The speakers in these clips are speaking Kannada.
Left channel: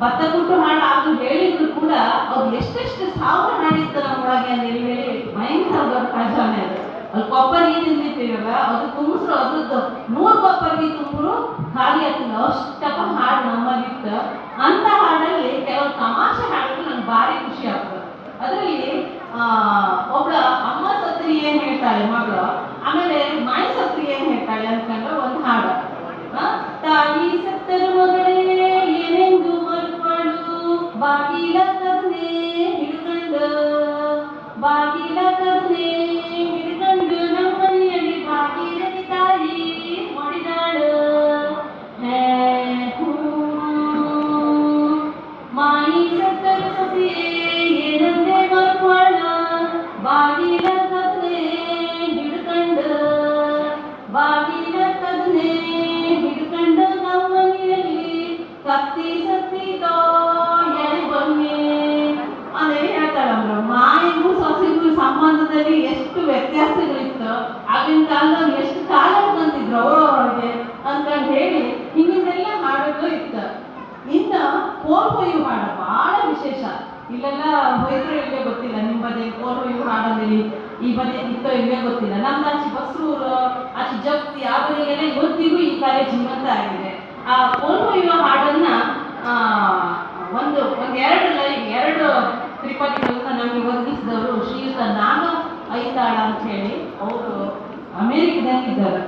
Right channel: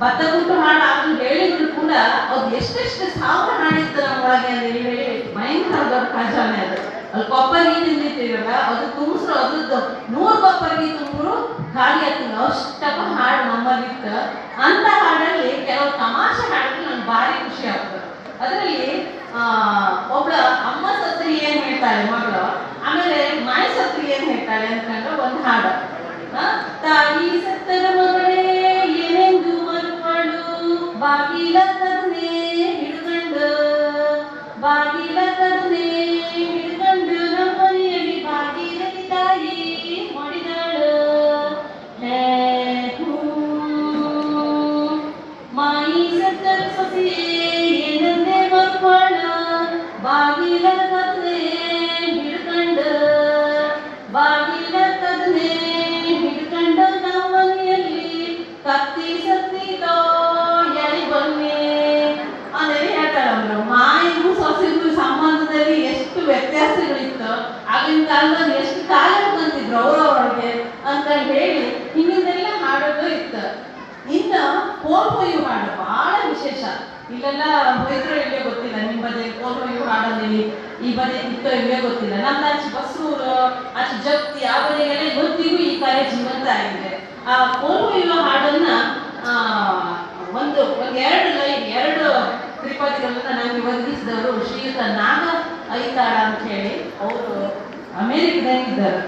ಭತ್ತ ಕುಟ್ಟು ಹಾಡು ಆಗಲು ಹೇಳಿದ್ರು ಕೂಡ ಅವ್ರು ಎಷ್ಟೆಷ್ಟು ಸಾವಿರ ಹಾಡಿತ್ತು ನಮ್ಮೊಳಗೆ ಅಂತ ಹೇಳಿ ಭಯಂಕರ ದೊಡ್ಡ ಖಜಾನೆ ಅದು. ಅಲ್ಲಿ ಕೊಪ್ಪರಿಗೆ ನಿಂತಿರ್ತೀವಲ್ಲ ಅದು ತುಂಬಿಸ್ರು ಅದ್ರದ್ದು 100 ಕೊಪ್ಪರಿಗೆ ತುಂಬಿದ್ರು ಖಾಲಿ ಆಗ್ತಿಲ್ಲ ಅಷ್ಟಪ್ಪ ಹಾಡು ನಮ್ಮಲ್ಲಿತ್ತು. ಅಂತ ಹಾಡಲ್ಲಿ ಕೆಲವು ತಮಾಷೆ ಹಾಡಿದ್ರೆ ನಂಗೆ ಭಾರಿ ಖುಷಿ ಆಗ್ತದೆ. ಅದರಲ್ಲಿ ಒಬ್ಳ ಅಮ್ಮ ಸತ್ರಿ ಏನ್ ಹೇಳ್ತಾಳೆ ಮಗಳು, ಆಮೇಲೆ ಮಾಯಿ ಸತ್ರಿ ಏನ್ ಹೇಳ್ತಾಳೆ ಅಂತಂದ್ರೆ ಒಂದು ಹಾಡು, ತಾಯಿ ಸತ್ತರ ಮಗಳೇ ಏನೆಂದು ಮರುಗಳು ಬಾಗಿಲ ತರನೇ ಹಿಡ್ಕೊಂಡು ಬಾಗಿಲ ತರನೇ ಹಿಡ್ಕೊಂಡು ನಮ್ಮ ಮನೆಯಲ್ಲಿ ಬಾಗಿಲ ತಾಯಿ ಮಾಡಿದಾಳು ಮಾಯಿ ಸತ್ತರ ಸೊಸೆ ಏನಂದೇ ಮರುಗಳು ಬಾಗಿಲ ತರನೇ ಹಿಡ್ಕೊಂಡು ಬಾಗಿಲ ತರನೇ ಹಿಡ್ಕೊಂಡು ನಮ್ಮ ಮನೆಯಲ್ಲಿ ಕತ್ತಿ ಸತ್ತಿದೋ ಎಳಿ ಬನ್ನಿ ಅಂದರೆ ಹೇಳ್ತಾರೆ ಅವರು. ಮಾಯಿಗೂ ಸೊಸೆಗೂ ಸಂಬಂಧದಲ್ಲಿ ಎಷ್ಟು ವ್ಯತ್ಯಾಸಗಳಿತ್ತು, ಆಗಿನ ಕಾಲದಲ್ಲಿ ಎಷ್ಟು ಕಾಲ ಬಂತಿದ್ರು ಅವರವರಿಗೆ ಅಂತ ಹೇಳಿ ಹಿಂಗಿಂದೆಲ್ಲ ಹಾಡೋದು ಇತ್ತು. ಇನ್ನು ಕೋಲ್ ಹೊಯ್ಯು ಹಾಡು ಬಹಳ ವಿಶೇಷ. ಇಲ್ಲೆಲ್ಲ ಹೊಯ್ದ್ರು ಇಲ್ಲೇ ಗೊತ್ತಿಲ್ಲ, ನಿಮ್ಮ ಬದಿ ಕೋಲ್ ಹೊಯ್ಯು ಹಾಡೋದಿಲ್ಲಿ ಈ ಬದಿ ಇತ್ತು ಇಲ್ಲೇ ಗೊತ್ತಿಲ್ಲ. ನಮ್ದು ಆಚೆ ಬಸ್ರೂರು ಆಚೆ ಜಪ್ತಿ ಆ ಬದಿಗೆಲ್ಲ ಇವತ್ತಿಗೂ ಈ ಕಾರ್ಯ ಜೀವಂತ ಆಗಿದೆ. ಆ ಕೋಲ್ ಹೊಯ್ಯುವ ಹಾಡನ್ನ ಎರಡು ತ್ರಿಪದಿಗಳನ್ನ ನಮಗೆ ಒದಗಿಸಿದವರು ಶ್ರೀಯುತ ನಾಗ ಐತಾಳ ಅಂತ ಹೇಳಿ. ಅವರು ಅಮೇರಿಕದಾಗಿದ್ದಾರೆ,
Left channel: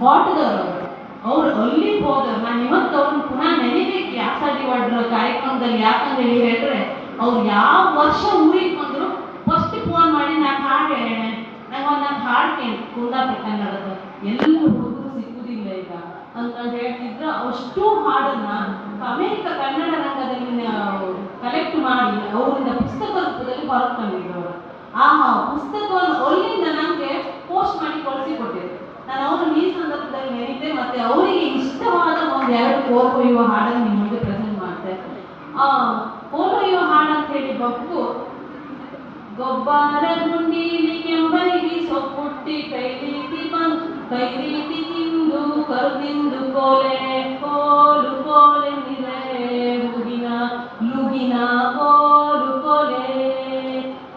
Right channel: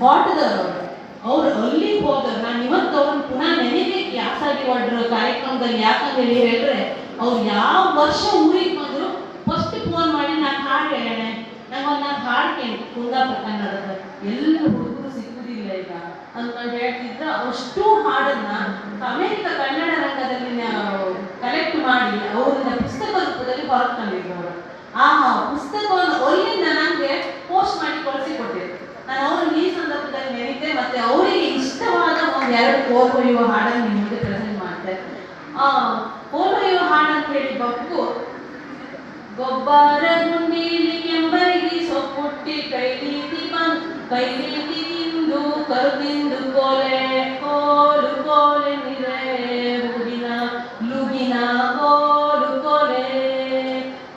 ಕೋಟದವರು. ಅವ್ರು ಅಲ್ಲಿಗೆ ಹೋದ್ರು. ನಾನು ಇವತ್ತು ಅವ್ರನ್ನ ಪುನಃ ನೆನಬೇಕು ಯಾಸಾಗಿ ಹೊಡ್ರ ಕಾರ್ಯಕ್ರಮದಲ್ಲಿ. ಯಾಕಂದ್ರೆ ಹೇಳಿದ್ರೆ ಅವ್ರು ಯಾವ ವರ್ಷ ಊರಿಗೆ ಬಂದ್ರು ಫಸ್ಟ್ ಫೋನ್ ಮಾಡಿ ನಾನು ಹಾಡು ಹೇಳೋಣ, ನಂಗೊಂದು ನಾನು ಹಾಡು ಕೇಳಿ ಕುಂದಾಪುರ ಕನ್ನಡದ ಎಲ್ಲ ಹುಡುಗರು ಸಿಕ್ಕುದಿಲ್ಲ ಈಗ ಅಂತ ಹೇಳ್ತಿದ್ರು. ಅಷ್ಟು ಹಾಡನ್ನ ಅಮೇರಿಕ ಕನ್ನಡ ರಂಗದಲ್ಲಿ ಕಲೆಕ್ಟ್ ಮಾಡಿ ಅವರಿಂದ ಪುಸ್ತಕ ರೂಪದಲ್ಲಿ ಹೊರಗೆ ತಂದಿದ್ರು. ಆ ಪುಸ್ತಕವನ್ನು ಅಲ್ಲಿಂದ ನನಗೆ ಪೋಸ್ಟ್ ಮಾಡಿ ಕಳಿಸಿಕೊಟ್ಟಿದ್ರು. ನಾನು ಅವ್ರನ್ನ ಈ ಸಂದರ್ಭದಲ್ಲಿ ನೆನೀತೆ, ಮತ್ತೆ ಅವರಿಗೆ ಇಷ್ಟವಾದ ಒಂದೆರಡು ಕೋಲ್ ಹೊಯ್ಯುವ ಹಾಡನ್ನು ನಿಮ್ಮ ಮುಂದೆ ಪ್ರೆಸೆಂಟ್ ಮಾಡ್ತೆ. ಕೋಲ್ ಹೊಯ್ಯುವ ಹಾಡು ಅಂತ ಹೇಳಿ ಗೊಬ್ಬರ ಗುಂಡೀಲಿ ಕೆಂಬರಿಗೆ ಸೊಪ್ಪುಟ್ಟಿ ಕೈ ರೀತಿ ತಿಂದು ಕರುದಿಂದು ಕೋಲೆ ಕೋಲು ಕೋಲೆ ನಿರೆ ಲುಗಿನ ಕೋಲು ಕೋಲೆ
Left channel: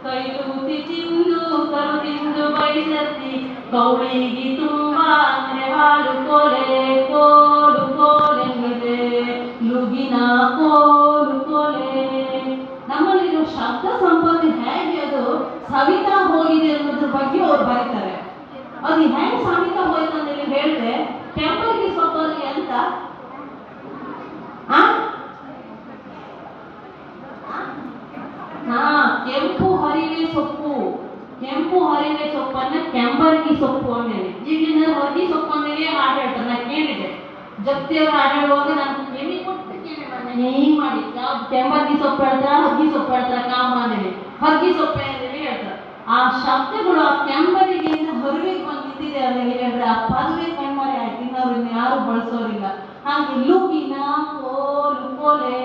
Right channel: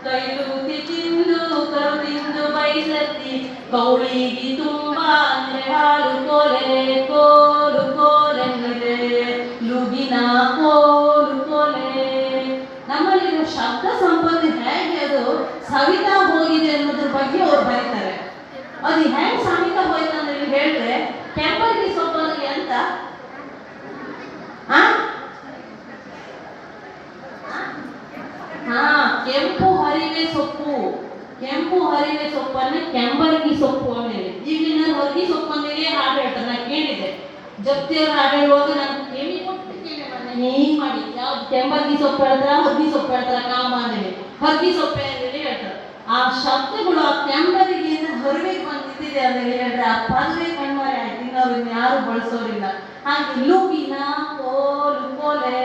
ಕೈಲೂತಿ ತಿಂದು ಕರುದಿಂದು ಬೈಸತ್ತಿ ಕೌಳಿಗಿ ತುಂಬಾ ಅಂದ್ರೆ ಹಾಲು ಕೋಲೆ ಕೋಲು ಕೋಲೆ ನಿರೆ ಲುಗಿನ ಕೋಲು ಕೋಲೆ. ನಮ್ಮಲ್ಲಿರೋ ಶಬ್ದ ಸಂಪತ್ತು ಹೇಗೆ ಅದು ಸವಿತಾ ಹೋಗಿದೆ ಅನ್ನೋದ್ರ ಬಗ್ಗೆ ಅವ್ರು ಬರೀತಾರೆ. ಅದು ಹೆಂಗ್ ಸವಿತಾ ಹೋಯ್ತು ಅಂದ್ರೆ ಹೇಳಿದ್ರೆ ಕೆಂಪಗಿ ಸೊಪ್ಪಲ್ಲಿ ಅಂತ ಕೆಂಪು ಹರಿವೆ ಸೊಪ್ಪನ್ನ ಕೆಂಬರ್ಗಿ ಸೊಪ್ಪು ಆಮೇಲೆ ಈಗಿನ ಹೊರಗಿ ಸೊಪ್ಪು ಅಂದೇಳಿ ಹಾಡು ಹೇಳ್ತಾರೆ. ನಾನು ಕೇಳಿದೆ ಜಪ್ತಿಯವ್ರು ಹಾಡು ಹೇಳುವಾಗ ನಾನು ಕೇಳಿ ಕೊಟ್ಟು ಹಿಂಗ್ ಮಾಡಿ ಯಾವ್ದು ಕೆಂಬರ್ಗಿ ಸೊಪ್ಪು ಹೇಳ್ತಾರ ಹಗ್ಗಿ ಸೊಪ್ಪು ಹೇಳ್ತಾರ ಕಾಮ ಅಂದೇಳಿ ಹಗ್ಗಿ ಸೊಪ್ಪೆ ಅಂದೇಳಿ ಹೇಳ್ತಾರೆ. ಆ ಶಬ್ದಗಳು ಆ ಕೆಂಬರಿಗೆಯಿಂದ ಹೊರಗೆ ಬಂದಿದೆ ಅಂತ ಹೇಳಿದ್ರೆ ಆ ಪದವೇ ಕಣ್ಮರೆ ಆಯ್ತು. ಇನ್ನು ಯಾರು ಬಳಸೋರಿಲ್ಲ. ಹಾಗೆ ಲೂಗಿನ ಕೋಲು ಕೋಲೆ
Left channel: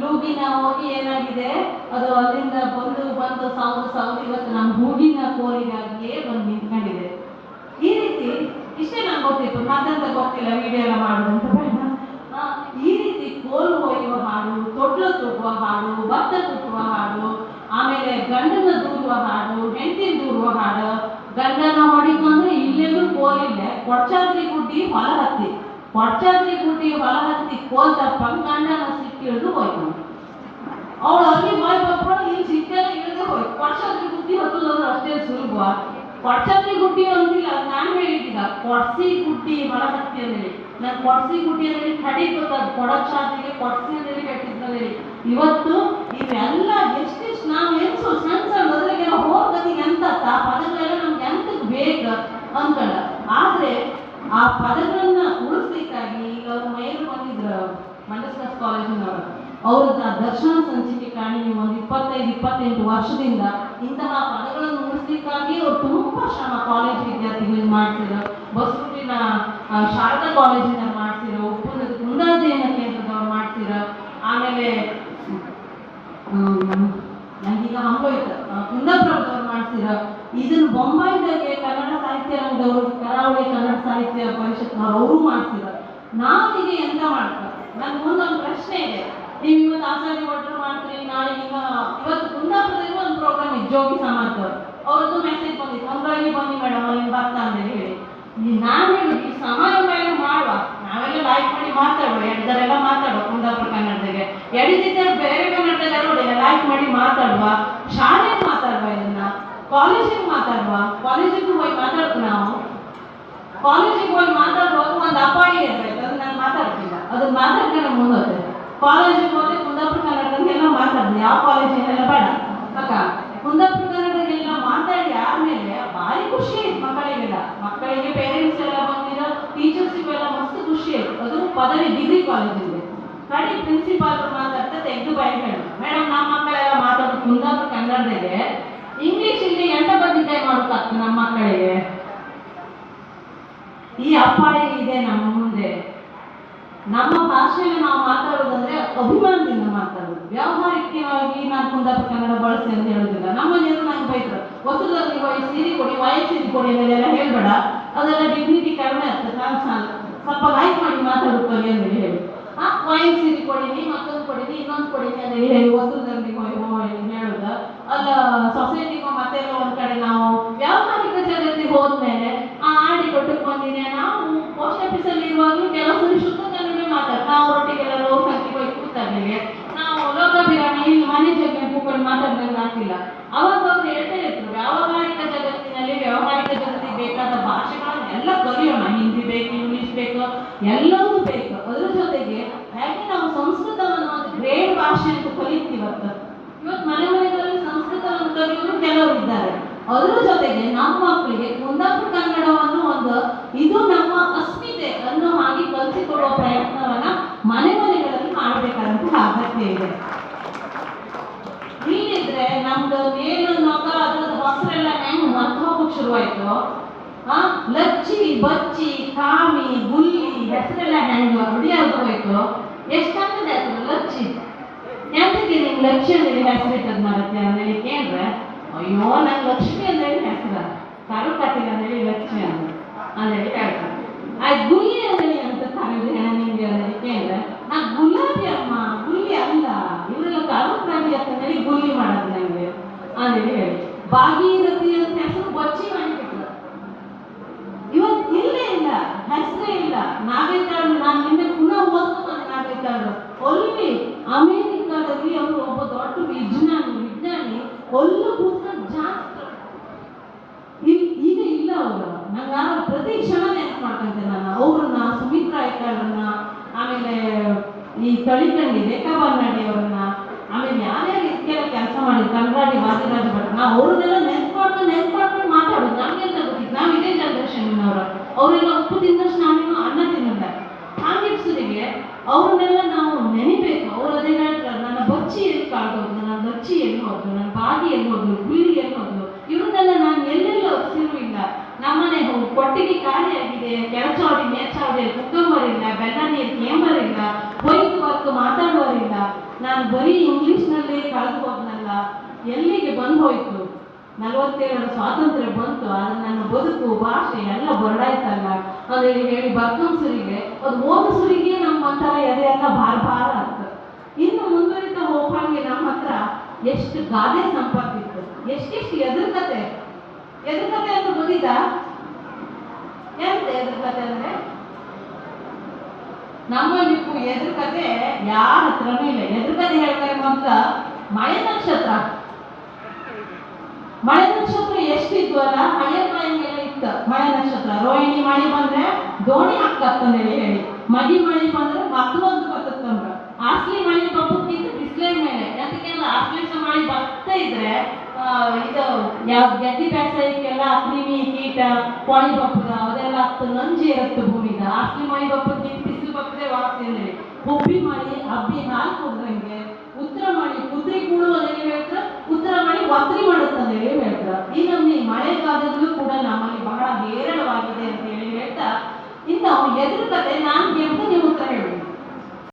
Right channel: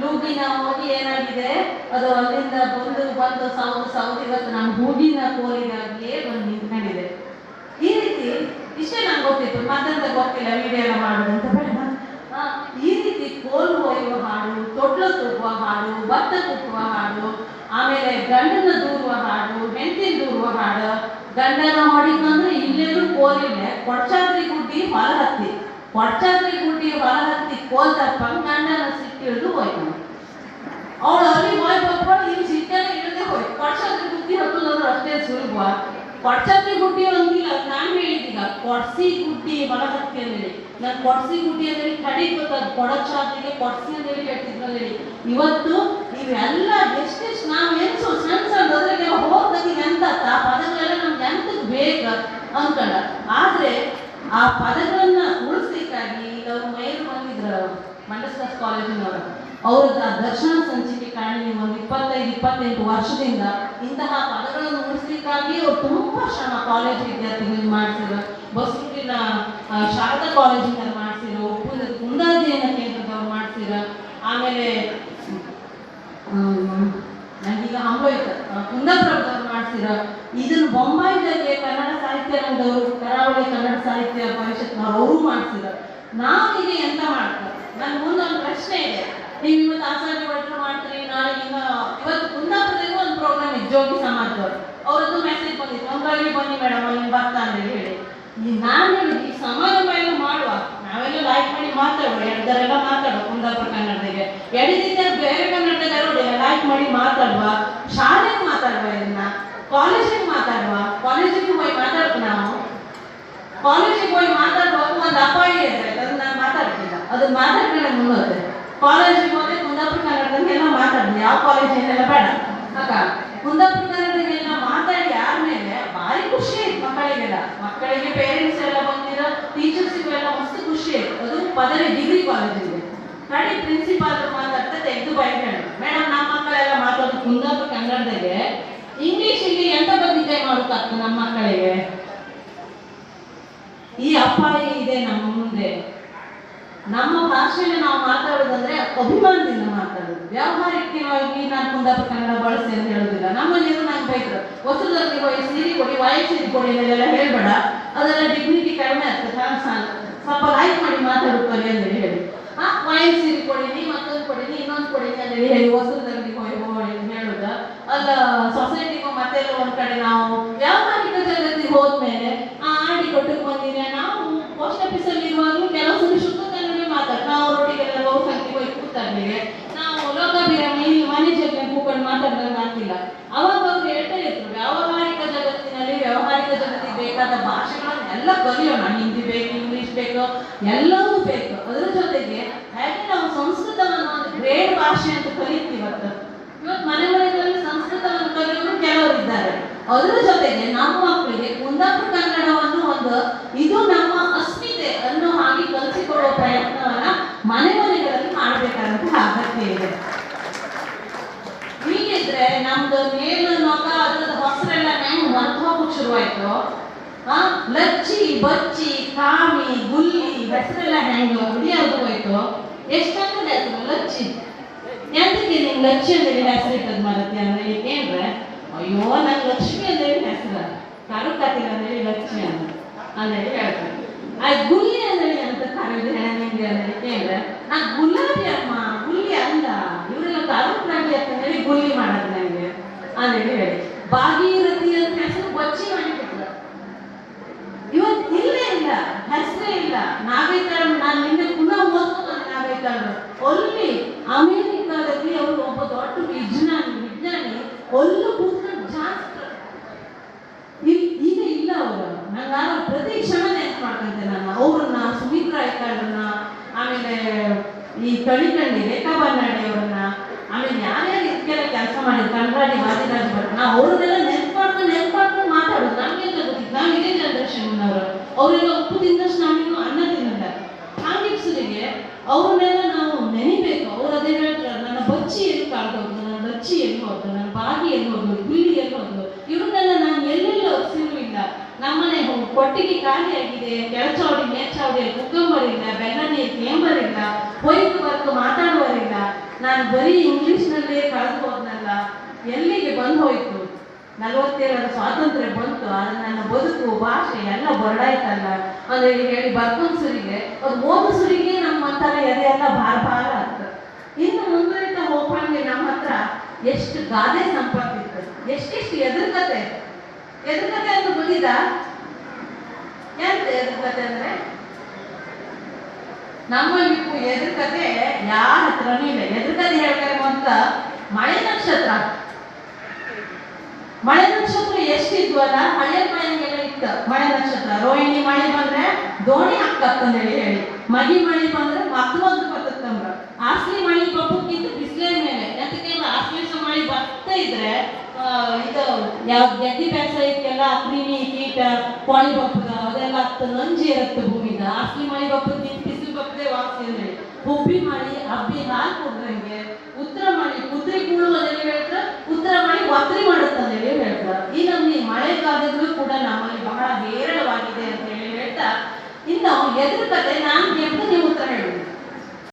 ಲೂಗಿನ ಹೋಗಿ ಏನಾಗಿದೆ ಅದು ಅಲ್ಲಿಂದ ಬಂದು ಸೌದು ಇವತ್ತು ನಾನು ಹೂಗಿನ ಕೋಲಿಗಾಗಿಯೇ ಬಂದು ನಿಂತ್ಕೊಂಡಿದೆ. ಈ ರೀತಿ ಇಷ್ಟೇ ನಂಗೆ ಗೊತ್ತಿತ್ತು, ಮತ್ತಂತ ಗೊತ್ತಿಲ್ಲ ವಿಡಿಯೋ ಎಲ್ಲ ಮಾಡೋದಂತ ಬೇಡ. ಈ ರೀತಿ ಕೋಲು ಹೊಯ್ಯುವ ಹಾಡು, ತೊಟ್ಲು ತೂಗುವ ಹಾಡು, ಭತ್ತ ಕುಟ್ಟುವ ಹಾಡು, ಆಮೇಲೆ ಗಂಡನ ದೂರುವ ಹಾಡು, ಹೆಂಡತಿ ದೂರುವ ಹಾಡು. ಗಂಡನ ಹೊಡಿಕಂದ್ರೆ ಇಲ್ಲೆಲ್ಲೂ ಕೋಲಿಲ್ಲ, ಕೊಡ್ಚಾದ್ರಿ ಗುಡ್ಡಿ ಹೊಲ ಹತ್ತಿ ಕೋಲ್ ತಪ್ಪಂದು ಗಂಡನ ಸಿಟ್ಟಿಳಿದು ಹೋಯ್ತು. ಅವಳು ಅಲ್ಲಿ ಹೋಯ್ ಬಬ್ಬಳು ಇಲ್ಲಿ ಸಿಟ್ಟೆಲ್ಲ ಇಳಿದೇ ಹೋಯ್ತು. ಕೊಡ್ಚಾದ್ರಿ ಗುಡ್ಡಿ ಹತ್ತುದಂದ್ರೆ ಅಷ್ಟೇ ಸುಲಭ. ಕೊಡ್ಚಾದ್ರಿ ಗುಡ್ಡಿ ಅಂದಿಲ್ಲ, ನಾನು ಹೇಳಿದ್ದೀಗ ಕೊಡ್ಸಿ ಗುಡ್ಡಿ ಹೊಲ ಹತ್ತಿ ಅಂದೇಳಿ. ನಾನು ಕೊಡ್ಸಿ ಗುಡ್ಡಿ ಅಂದ್ರೆ ಕಡಿ ಗೊತ್ತಾದ ಕೊಡಚಾದ್ರಿಗೆ ಕೊಡ್ಸಿ ಅಂದೇಳಿ ಹೇಳ್ತಿದ್ನಲ್ಲಿ. ಇವತ್ತು ಇವೆಲ್ಲ ಎಷ್ಟೆಷ್ಟು ನಾವು ಎನ್ಸು ಸಣ್ಣ ಅದ್ರಾಗೆಲ್ಲ ಹೋಗಿ ಎಂತ ಪದಗಳೆಲ್ಲ ನಮ್ಗೆ ಎಂತಕ್ಕೆ ಬೇಕು ಅನ್ಕೊಂಡ. ಆದ್ರೆ ಆ ಪದಗಳನ್ನ ಉಳಿಸ್ಲಿಕ್ಕಾಗಿ ಈಗ ಅವರು ಮೈರು ಬಂದಿದ್ರು ಮಂಡಸ್ದಾಸ್ ಕಾಲೇಜಿನವರು. ಅವ್ರದ ದರ್ಶನ ಸಂಚಿಕೆ ಕಾರಣ ನೀವು ಒಂದು 25-28 ವರ್ಷದಿಂದ ಇಂತಹ ಪದಗಳನ್ನು ಉಳಿಸ್ಲಿಕ್ಕಾಗಿ ಅವ್ರು ತುಂಬಾ ಶ್ರಮ ಕಾಲೇಜ್ ವಿದ್ಯಾರ್ಥಿಗಳಿಗೆ ಮಾಡಿಸಿರೋ, ಬಸರೂರಿನ ಶಾರದಾ ಕಾಲೇಜಿಂದ ಮಾಡಿಸಿರೋ, ಕುಂದಾಧ್ಯಯನ ಕೇಂದ್ರದವ್ರು ಮಾಡಿಸಿರೋ, ಆಮೇಲೆ ನನಗೀಗ ಹಂಗೋಯ್ತು ಕುಂದಾಪುರದವ್ರು ಮಾಡಿಸಿರೋ. ಇದನ್ನು ಬೊಂಬಾಯಿದಾಗೆ ಕನ್ನಡ ಸಾಹಿತ್ಯ ರಂಗದವರು, ಕರಾವಳಿ ಕನ್ನಡ ಸಾಹಿತ್ಯ ಪರಿಷತ್ನವ್ರು ಅವರು ಮಾಡಿಸಿರೋ. ನಾವು ಈಗ ಎಂತ ಮಾಡ್ತಾರೆ? ನನ್ನ ಮುಂದೊಂದು ಪ್ರಶ್ನೆ ಇದೆ. ಬಂದಿದ್ದು ಜೋಗಿ ಸಮಾಜದವ್ರು, ಅವ್ರದ್ದು ಮೆಸೇಜ್ ಬಂದಿತ್ತು, ನಮ್ಗಾಗಿ ಬನ್ನಿ ಮೇಡಮ್ ಅಲ್ಲಿ ಬರ್ತಾ ಅಂತ ಹೇಳಿ. ನಾನು ಹೇಳಿದ್ವಿ ಸಮಾರಂಭ ಎಲ್ಲ ಮಾಡುವ, ನಾವೆಲ್ಲ ಲೈಕ್ ಮಾಡಿ ಮಾತಾಡುವ, ಎಡ್ದರೆಲ್ಲ ಮಾತಾಡುವ ಕುಂದಾಪುರ ಕನ್ನಡದಾಗೆ, ಎಡಿದಿದ್ದರೆ ಬೇರೆ ಕನ್ನಡದಾಗ ಲೈಕ್ ಮಾಡಿ ಮಾತಾಡುವ, ಶಾಲೆಗೆ ಮಾತಾಡುವ, ಇದನ್ನ ಕಾಲೇಜಿಗೆ ಮಾತಾಡುವ, ಕಾಲೇಜಿಗೆ ಹೋಗಿ ಮಾತಾಡ್ತೀವಿ ನಾವು. ಕಾಲೇಜಿಗೆ ಹೋಗಿ ಮಾತಾಡುವಾಗ ಒಂದು ಅಪಾಯ ಇರ್ತೈತೆ, ಅದನ್ನ ನಾನು ಮಾತಾಡ್ತಿಲ್ಲ, ಅದು ಮಾತಾಡ್ಕೊಂಡೆ ಮುಂದೋದೆ. ಕಾಲೇಜಿಗೆ ಹೋದ್ರೆ ಕುಂದಾಪುರ ಕನ್ನಡದಾಗೆಲ್ಲ ಮಾತಾಡ್ದು, ಯಾವ ಕಾಲೇಜಿನೆಲ್ಲ ಬೇಡ ಅಕ್ಕ, ಕುಂದಾಪುರ ಕನ್ನಡದಾಗೆಲ್ಲ ಮಾತಾಡಿ ಆದ್ಮೇಲೆ ಭಾರಿ ಖುಷಿ ಆಯ್ತು ಮಕ್ಕಳಿಗೆ ಪೇರೆಂಟ್ಸ್ ಎಲ್ಲ ಬಂದಿರೋ ಟೀಚರ್ಸಿಗೂ ಎಲ್ಲ ಮಸ್ತ್ ಖುಷಿ ಆಯ್ತು. ಅದು ಪದವಿ ಡಿಗ್ರಿ ಕಾಲೇಜಿಗೆ ಕಡೆ ಪ್ರಿನ್ಸಿಪಾಲ್ ಮಾತಾಡ್ತಾ ತೆಗೆದು ಬಾಯಿ ಹೇಳಿ, ಮೇಡಮ್ ನಮ್ಮ ಮಕ್ಕಳೆಲ್ಲ ಮಾತಾಡೋದು ಕುಂದಾಪುರ ಕನ್ನಡದಾಗೆ, ಇಂಗ್ಲಿಷ್ ಇಲ್ಲಿ ಎಂತ ಬಂದಿದ್ದೆ ಮಾಡೋಕ್ಕಾಗ್ತದೆ ನಮ್ಮ ಮಕ್ಕಳಿಗೆ. ಈ ಅಪಾಯ ಇದೆ ನಮ್ಮ ಮುಂದೆ. ನಮ್ಮ ಭಾಷೆಯನ್ನು ನಾವು ಮಾತಾಡೋದಂದ್ರೆ ಅಭಿಮಾನದಿಂದ ಮಾತಾಡೋದು, ವ್ಯಾವಹಾರಿಕವಾಗಿ ನಾನು ಕುಂದಾಪುರ ಕನ್ನಡ ಬಳಸಿ ಅಂತ ಹೇಳೋದಿಲ್ಲ. ನಮ್ಮಲ್ಲಿ ನಂಗೆ ಬೈದ್ರು, ಹೊಸದಲ್ಲಿ ಹೋಗಿ ಸೀರೆ ಕೊಡಿ, ವಾಯು ಸೀರೆ ಕೊಡಿ ಅಂತೆಲ್ಲ ಹೇಳ್ಬೇಡ, ಅದೆಲ್ಲ ಡಿಗ್ನಿಟಿ ಕಡಿಮೆ ಆಗ್ತದೆ, ಸ್ವಲ್ಪ ಲೈಕ್ ಮಾಡಿ ಮಾತಾಡುತ್ತಾರೆ ಅಂತ ಹೇಳಿ. ವಾಯು ಸೀರೆ ಕೊಡಿನಿ, ಮತ್ತೊಂದು ಕೊಡಿನಿ, ಇನ್ನೊಂದು ಕೊಡಿನಿ ಅಂತ ಹೇಳಿ ಹೊಸದಲ್ಲಿ ಹೋಗಿ ಹೇಳುದ ಅಲ್ಲ. ಸೊಸೈಟಿಗೂ ಮತ್ತೆಲ್ಲ ಒಂದ್ ಕಡೆ ನಾವು ವ್ಯಾವಹಾರಿಕ ಜಗತ್ತಿಗೆ ಹೋದ್ಮೇಲೆ ಆಡಿ ಕೊಟ್ಟಕ್ಕೆ ಬಂದಿನಿ. ನಾವು ಪೋಸ್ಟ್ ಆಫೀಸಲ್ಲಿ ಇರುವಾಗಲೂ ಕೆಲವು ಸರಿ ಶುದ್ಧ ಕನ್ನಡ ಮಾತಾಡ್ತಾರೆ, ನಾವು ರೊಟ್ಟಿಗೆಲ್ಲ ರೋಡ್ ಸಂಖ್ಯೆ ಹೋಗಿ ಕೂತಾಡ್ಮೇಲೆ ನಾವು ಲೋಕಾಭಿರಾಮಿ ಇಲ್ಲಿ ಮನೆ ಜೊತೆ ಕೂತ್ಕೊಂಡು ಮಾತಾಡ್ದಂಗೆ ಆಗ್ತಿಲ್ಲ. ಅವಾಗ ಅವ್ರು ಹೇಳ್ತಾ ಇದ್ರು, ವ್ಯಾವಹಾರಿಕ ಜಗತ್ತಿನಲ್ಲಿ ವ್ಯಾವಹಾರಿಕ ಜಗತ್ತಿಗೆ ಬೇಕಾದ ಭಾಷೆಗಳನ್ನೆಲ್ಲ ಕಲಿಯೋಣ, ಹಿಂದಿ ಬೇಕು, ಇಂಗ್ಲಿಷ್ ಬೇಕು, ಎಲ್ಲವೂ ಬೇಕು. ಅದ್ರ ಜೊತೆಗೆ ಹಾಗೆ ನಾವು ಸಂಸ್ಕೃತವನ್ನು ಒಂದು ಗ್ರೇಟ್ ಭಾಷೆ ಅಂತ ಕಲಿತೀವಿ. ಇವತ್ತು ಮನೆಗಳಲ್ಲಿ ಸಂಸ್ಕೃತವನ್ನು ಕಲಿಯೋರು ಕೆಲವರು ಇದ್ದಾರೆ. ಅದರ ಜೊತೆಗೆ ನಮ್ಮ ಮಕ್ಕಳಿಗೆ ಕುಂದಾಪುರ ಕನ್ನಡವನ್ನು ಒಂದು ಇದು ನಮ್ಮ ಅಸ್ಮಿತೆ ಅನ್ನೋ ಹಾಗೆ ಕಲಿಸಿಕೊಡುವ ಪ್ರಯತ್ನವನ್ನ ಮನೆಗಳಲ್ಲಿ ಮಾಡಬೇಕಾದಂತ ಅಗತ್ಯ ಇದೆ. ಹೀಗಿದ್ರೆ ನಮ್ದು ಮೇಲು ನೊಗ ಅದ್ರದ ಹೊಸರೆಲ್ಲ ಹೆಂಗ್ ಮರ್ತು ಹೋಗಕ್ ಶುರುವಾಯ್ತು. ಲಚ್ಚಿ, ಬಚ್ಚಿ, ಕಾಮಿ, ಗುಲ್ಲಿ ಹೆಸರೆಲ್ಲ ಹೆಂಗ್ ಹುಡಿಯಾಗ ಹೋಯ್ತು. ಎಷ್ಟಂದ್ರೆ ಹೆಸರು ಲಚ್ಚಿ, ಎಂತಕ್ಕೆ ನಿಂಗೆ ಲಕ್ಷ್ಮಿ ಅಂತೇಳಿ ಹೆಸರು ಇಟ್ಟದ್ ಮಾರತ್ತೆ ಅಂದ್ರೆ ಏನ್ರೆ, ಅಯ್ಯೋ ನಂಗೆ ಲಕ್ಷ್ಮಿ ಅಂತೇಳಿ ಹೆಸರು, ಕರುಕತ್ತಿಲ್ಲ ಅಂತೇಳಿ ಲಕ್ಷ್ಮಿ ಅಂತೇಳಿ ಹೇಳ್ತಾರೆ. ಗುಲ್ಲಿ ಅಂತೇಳಿ ಅಂತ ಕರೆದು ನಿಂಗೆ ಅಂತೇಳಿ ಕೇಳಿದ್ರೆ, ನಾ ಗುಲಾಬಿ ಅಮ್ಮ, ಗುಲ್ಲಿ ಅಲ್ಲ, ಇವರೆಲ್ಲ ಕರುಪ್ರಾಣಿ ಅಂತೇಳಿ ಗುಲ್ಲಿ ಮಾಡೋದು ನನಗೆ ಅಂತೇಳಿ ಹೇಳಿ. ಭಾಗೀರಥಿ ಅಂತ ಹೆಸರು ಬಚ್ಚಿ ಮಾಡಿಬಿಟ್ಲ. ಇವತ್ತು ಇಲ್ಲೇ ಇಲ್ಲ, ಹೆಸರೇ ಇಲ್ಲ. ನಾಗೈತಾಳು ನಾನು ನಿನ್ನೆ ಪುನಃ ಓದ್ಕೊಂಡು ನಾಗೈತಾಳು ಅಲ್ಲಿ ಅಮೇರಿಕಾದಲ್ಲಿ ಅವರು ಒಬ್ಬ ದೊಡ್ಡ ವಿಜ್ಞಾನಿ ಒಲ್ಲು ಕೂತ್ಕೊಂಡು ಜಾಸ್ತಿ ಈಗ ಇಲ್ಲ. ಅವರು ನಂಗಾರ ಪ್ರತಿ ಕ್ಷಣ ನೆನಪು ಮಾಡ್ಕೊಂತೆ ನಾನು ಅವ್ರನ್ನ, ಸುಮಿತ್ರಾ ಐತಾಳನ್ನ, ಆಮೇಲೆ ಈ ತಳಿಕಂಡಿ ರೇಖಾ ಬರ್ನಾಡಿ ಅವರನ್ನ, ಆಮೇಲೆ ಯಾರ್ಯಾರು ಇದಕ್ಕೆಲ್ಲ ಕೆಲಸ ಮಾಡಿದ್ರು, ಕನ್ನಡಿ ವಾದಿರಾಜ್ ಭಟ್, ನಾವು ಅವ್ರನ್ನೆಲ್ಲ ನೆನಪು ಮಾಡ್ಕೊಂಡು ಮಾತಾಡೋದು. ನಮ್ಗೆಲ್ಲ ಗೊತ್ತಿತ್ತು, ನಾವು ಇದೇ ಜನರೇಷನ್ ಅವರು. ಅವರೆಲ್ಲ ಉಪ್ಪು ತಿಂದಷ್ಟು ನಾವೇನು ಅನ್ನ ತಿನ್ನಲ್ಲ. ಹಾಂಗಿಪ್ಸರಿಗೆ ಅವ್ರನ್ನೆಲ್ಲ ನಾವು ನೆನಿಬೇಕು. ಅವ್ರು ಅದೇ ಹೇಳ್ತಾರೆ, ನನ್ನ ಬಚ್ಚಿ ಎಲ್ಲಿ ಕಾಡ್ಬೋದು, ನನ್ನ ಲಚ್ಚಿ ಎಲ್ಲಿ ಹೋದ್ರು, ನನ್ನ ಬಾಗಿ ಎಲ್ಲಿ ಹೋದ್ರು, ಗುಳ್ಳಿ ಎಲ್ಲಿ ಹೋದ್ರು, ಇವ್ರನ್ನೆಲ್ಲ ನಾನು ಎಲ್ಲೆಲ್ಲ ಒಪ್ಸಿಲ್ಲ. ನಮ್ಮನೆ ಕೊಟ್ಟಿಗೆ ಖಾಲಿ ಆಗಿದೆ, ಕೆಳಚೌಡಿ ಮೇಲ್ಚೌಡಿ ಕುಕ್ಕಂಬರಿಲ್ಲ, ಬೆಲ್ಲ ನೀರು ಕೇಂಬರಿಲ್ಲ, ವೈಟ್ ವರ್ಕ್ ಮಾತಾಡುವರಿಲ್ಲ. ನಾನು ಬರೀ ಇಂಗ್ಲಿಷ್ನಲ್ಲೇ ಕಳೆದು ಹೋದ್ನಲ್ಲ, ಎಲ್ಲಿಗೆ ಬಂದು ಹೋಯ್ತು. 47ರ ಸ್ವಾತಂತ್ರ್ಯ ಬಂತು, ಆದ್ರೆ ನನ್ನ ಬದುಕು ಭಾಷೆ ಎಲ್ಲ ಬರಡಾಯ್ತಲ್ಲ ಅಂತೇಳಿ ಹೇಳಿ ಬರ್ಕೊಂಡ್ಸರಿಗೆ, ಅವ್ರು ಓದಿಸರಿಗೆ ನಮ್ಮ ಹತ್ರ ಎದೆ ಎಲ್ಲ ಭಾರ ಆಗ್ತದೆ. ಇನ್ನು ಮುಂದುವರಿತಾ ಹೋಗಂಗೆ ನಮ್ಮ ಹತ್ರ ಎಷ್ಟು ಗಾದೆ ಸಂಪತ್ತಿತ್ತು, ಎಷ್ಟೆಷ್ಟು ಎದುರ್ಕತೆ ಅಂತ ಗೊತ್ತಿದ. ಎಂತ ಎದುರ್ಕತೆ ಅಂದ್ರೆ, ನಮ್ಮಲ್ಲಿ ಎದುರ್ಕತೆ ಯಾರ ಹತ್ರನೂ ಇಲ್ಲ. ಎದುರ್ಕತೆ ಹೇಳ್ತಾರೆ ಅಂತ ಮಳೆ ನಕ್ಷತ್ರ ಎಷ್ಟಿದ್ವಲ್ಲ, ಹಳೆ ಮಳೆಗೆಲ್ಲ ಇತ್ತು. ಮಳೆ ನಕ್ಷತ್ರ ರೋಹಿಣಿ ಮಳೆ ಬಂದ್ರೆ ದೋಣಿ ಹಾಕತ್ತಂದೇಳಿ ಹೇಳಿ, ಮಗಿ ಮಳೆ ಬಂದ್ರೆ ಮತ್ತೊಂದು ಬರ್ತಂದ್ರ, ಆಸ್ಲಿ ಮಳೆ ಬಪ್ಪಕ್ಕಿಂತ ಬಿಸಿಲೇ ಮೇಲೆ. ಅದಕ್ಕೆಲ್ಲ ಆಶ್ಲೇಷ ಮಳೆ ಬರ್ತಾ ಇದ್ರೆ ಇದು ಯಾವ ಗೆದ್ದಿ ಬೇಸಾಯಕ್ಕೆಲ್ಲ ಕ್ರಿಮಿ ಕೀಟ ಪಾಣಿ ಬಪ್ಪದ ಅದೆಲ್ಲ ಹತ್ತು ನಂಜಿ ಇರುತ್ತೆ ಭೂಮಿದ. ಆಸ್ಲಿ ಮಳೆ ಬಪ್ಪದ ಬಿಸಿಲು ಬಪ್ಪದೆ ವಾಸಿ ಹೇಳಿ, ಹುಬ್ಬಿ ಮಳೆ ಹಬ್ಬಿ ಹಾಲು ಕೊಡ್ದಂಗೆ, ಉತ್ತರ ಮಳೆ ಕುದುರೆ ಕೂಳು ಅದೆಲ್ಲ ಹೇಳ್ತಾರೆ, ಉತ್ತರ ಮಳೆ ಒತ್ತರಿ ಮಾಡುತ್ತಂತ ಹೇಳಿ ಹೇಳ್ತಾರೆ. ಈ ನಮ್ಮ ಮಳೆಗಾಲದಲ್ಲೂ ಕೂಡ ನಮ್ಮಲ್ಲಿ ಬಹಳ ಹೇರಳವಾಗಿದೆ ಅಂತ ಹೇಳಿ ಹೇಳ್ತಾ, ಇನ್ನು ಎದುರುಕತೆ ನಾನು ಗೆದ್ದ